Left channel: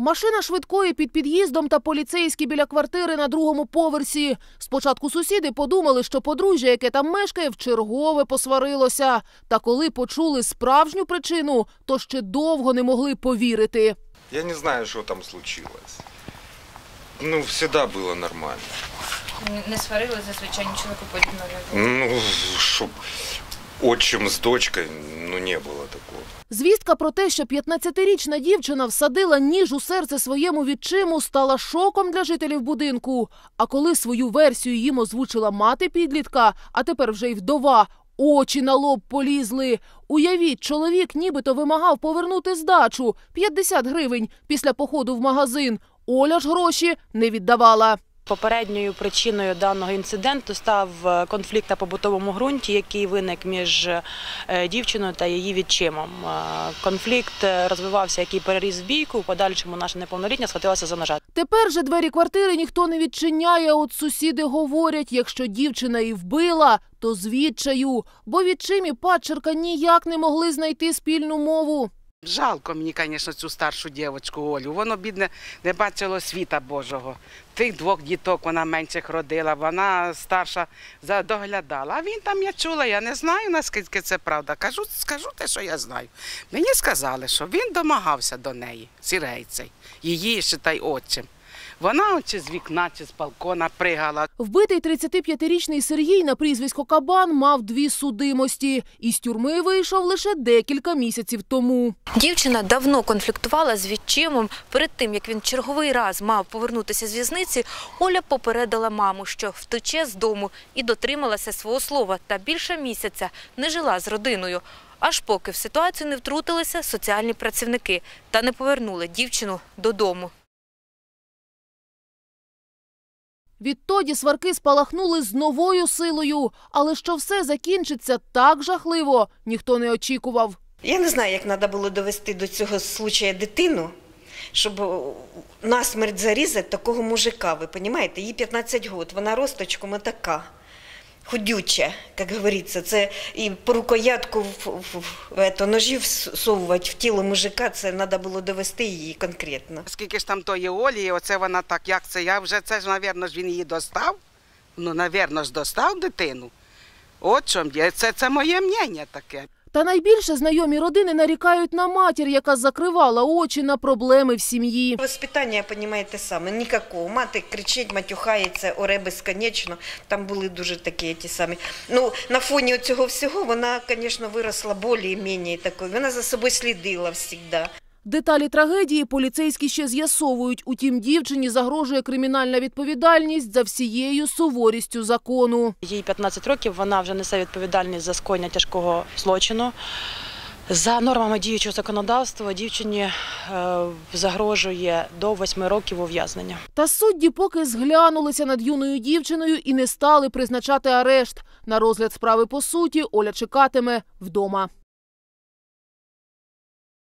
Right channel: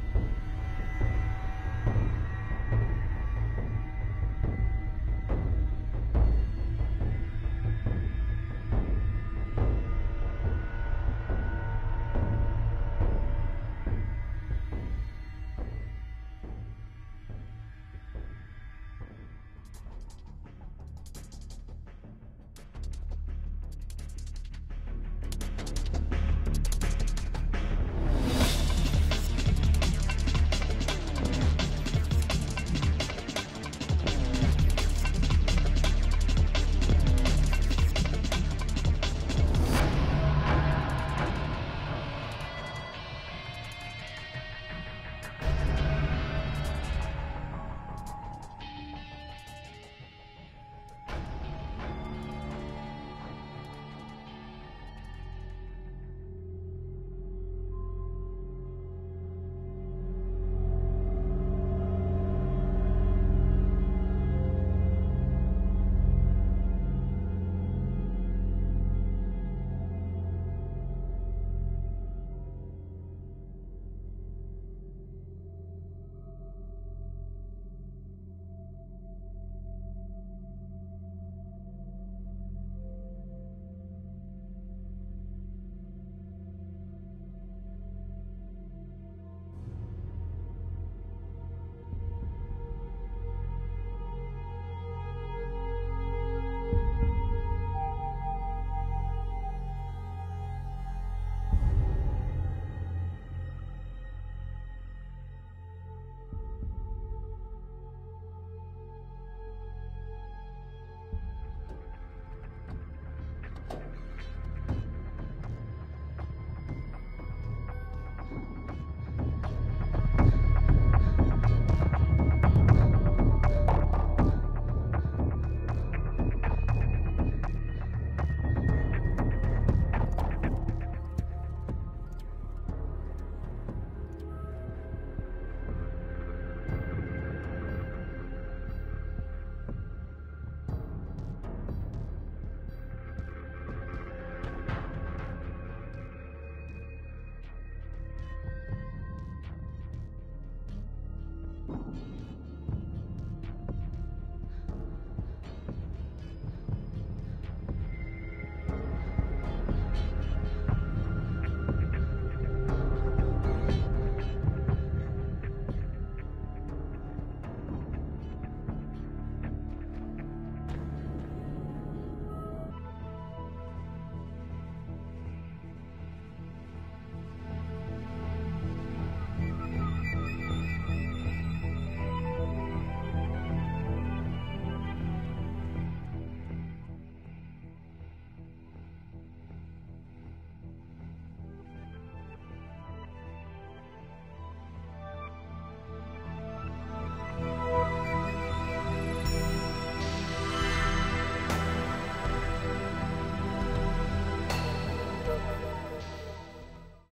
Машина швидкої під під'їздом та поліцейські біля квартири на другому поверсі. Спочатку сусіди подумали, що подружжя, яке там мешкає, вчергове посварилося. Та коли почули справжню причину, то ще довго не могли повірити. Я не знаю, что там случилось. Ну, всегда было нормально. Не- сварили зазвичай нічого подібного не було. Ну, чтоб отчим з дочкою, ну, не було такого. Звістка про те, що 15-річна дівчина всадила ніж у серце своєму відчиму, стала шоком для жителів будинку. А коли свою версію їм озвучила мати підлітка, а тепер вже й вдова, очі на лоб полізли. Уявіть, чоловік нібито вимагав повернути здачу 50 гривень після походу в магазин. Оля ж гроші не віддавала. Попередньою причиною даного інциденту став е, конфлікт на побутовому ґрунті, який виник між е, дівчиною та її відчимом. Е, Конфлікт розвивався, який переріс в бійку. У подальшому наша неповнолітня схватилася за ножа. Тепер же двері квартири ніхто не відчиняє. От сусіди говорять, якщо дівчина і вбила, то з Бо відчимі падчерка ніяк не могли знайти спільну мову. Жалко мені, звісно, цю старшу дівчинку Олю. Воно, бідне, не бачило світа Божого. Тих двох діток вона менших родила, вона старша доглядала. А він там я чула, я не знаю, наскільки це правда. Кажу, скажу те, що я знаю. Мені сказали, що він домагався до неї, сірейцей, її ще та й отчим. Вона от чи з вікна, чи з балкона пригала. Вбитий 35-річний Сергій на прізвисько Кабан мав дві судимості. Із тюрми вийшов лише декілька місяців тому. Дівчина давно конфліктувала з відчимом. Перед тим як він черговий раз мав повернутися з в'язниці, Оля попередила маму, що втече з дому і дотрималася свого слова. Та більше місяця не жила з родиною. Аж поки в ситуацію не втрутилися соціальні працівники та не повернули дівчину додому. Відтоді сварки спалахнули з новою силою. Але що все закінчиться так жахливо, ніхто не очікував. Я не знаю, як треба було довести до цього случая дитину, щоб насмерть зарізати такого мужика. Ви розумієте? Їй 15 років, вона росточком така. Худюча, як говориться, це і по рукоятку в, ножів всовувати в тіло мужика, це треба було довести її конкретно. Скільки ж там тої Олі, оце вона так, як це? Я вже це ж, навірно, ж він її достав. Ну, навірно ж, достав дитину. От чому. Це, це моє мнення таке. Та найбільше знайомі родини нарікають на матір, яка закривала очі на проблеми в сім'ї. Воспитання, розумієте, саме ніякого. Мати кричить, матюхається, оре безконечно. Там були дуже такі ті самі. Ну, на фоні цього всього вона, звісно, виросла більш-менш такою. Вона за собою слідила завжди. Деталі трагедії поліцейські ще з'ясовують. Утім, дівчині загрожує кримінальна відповідальність за всією суворістю закону. Їй 15 років, вона вже несе відповідальність за скоєння тяжкого злочину. За нормами діючого законодавства дівчині е, загрожує до 8 років ув'язнення. Та судді поки зглянулися над юною дівчиною і не стали призначати арешт. На розгляд справи по суті Оля чекатиме вдома.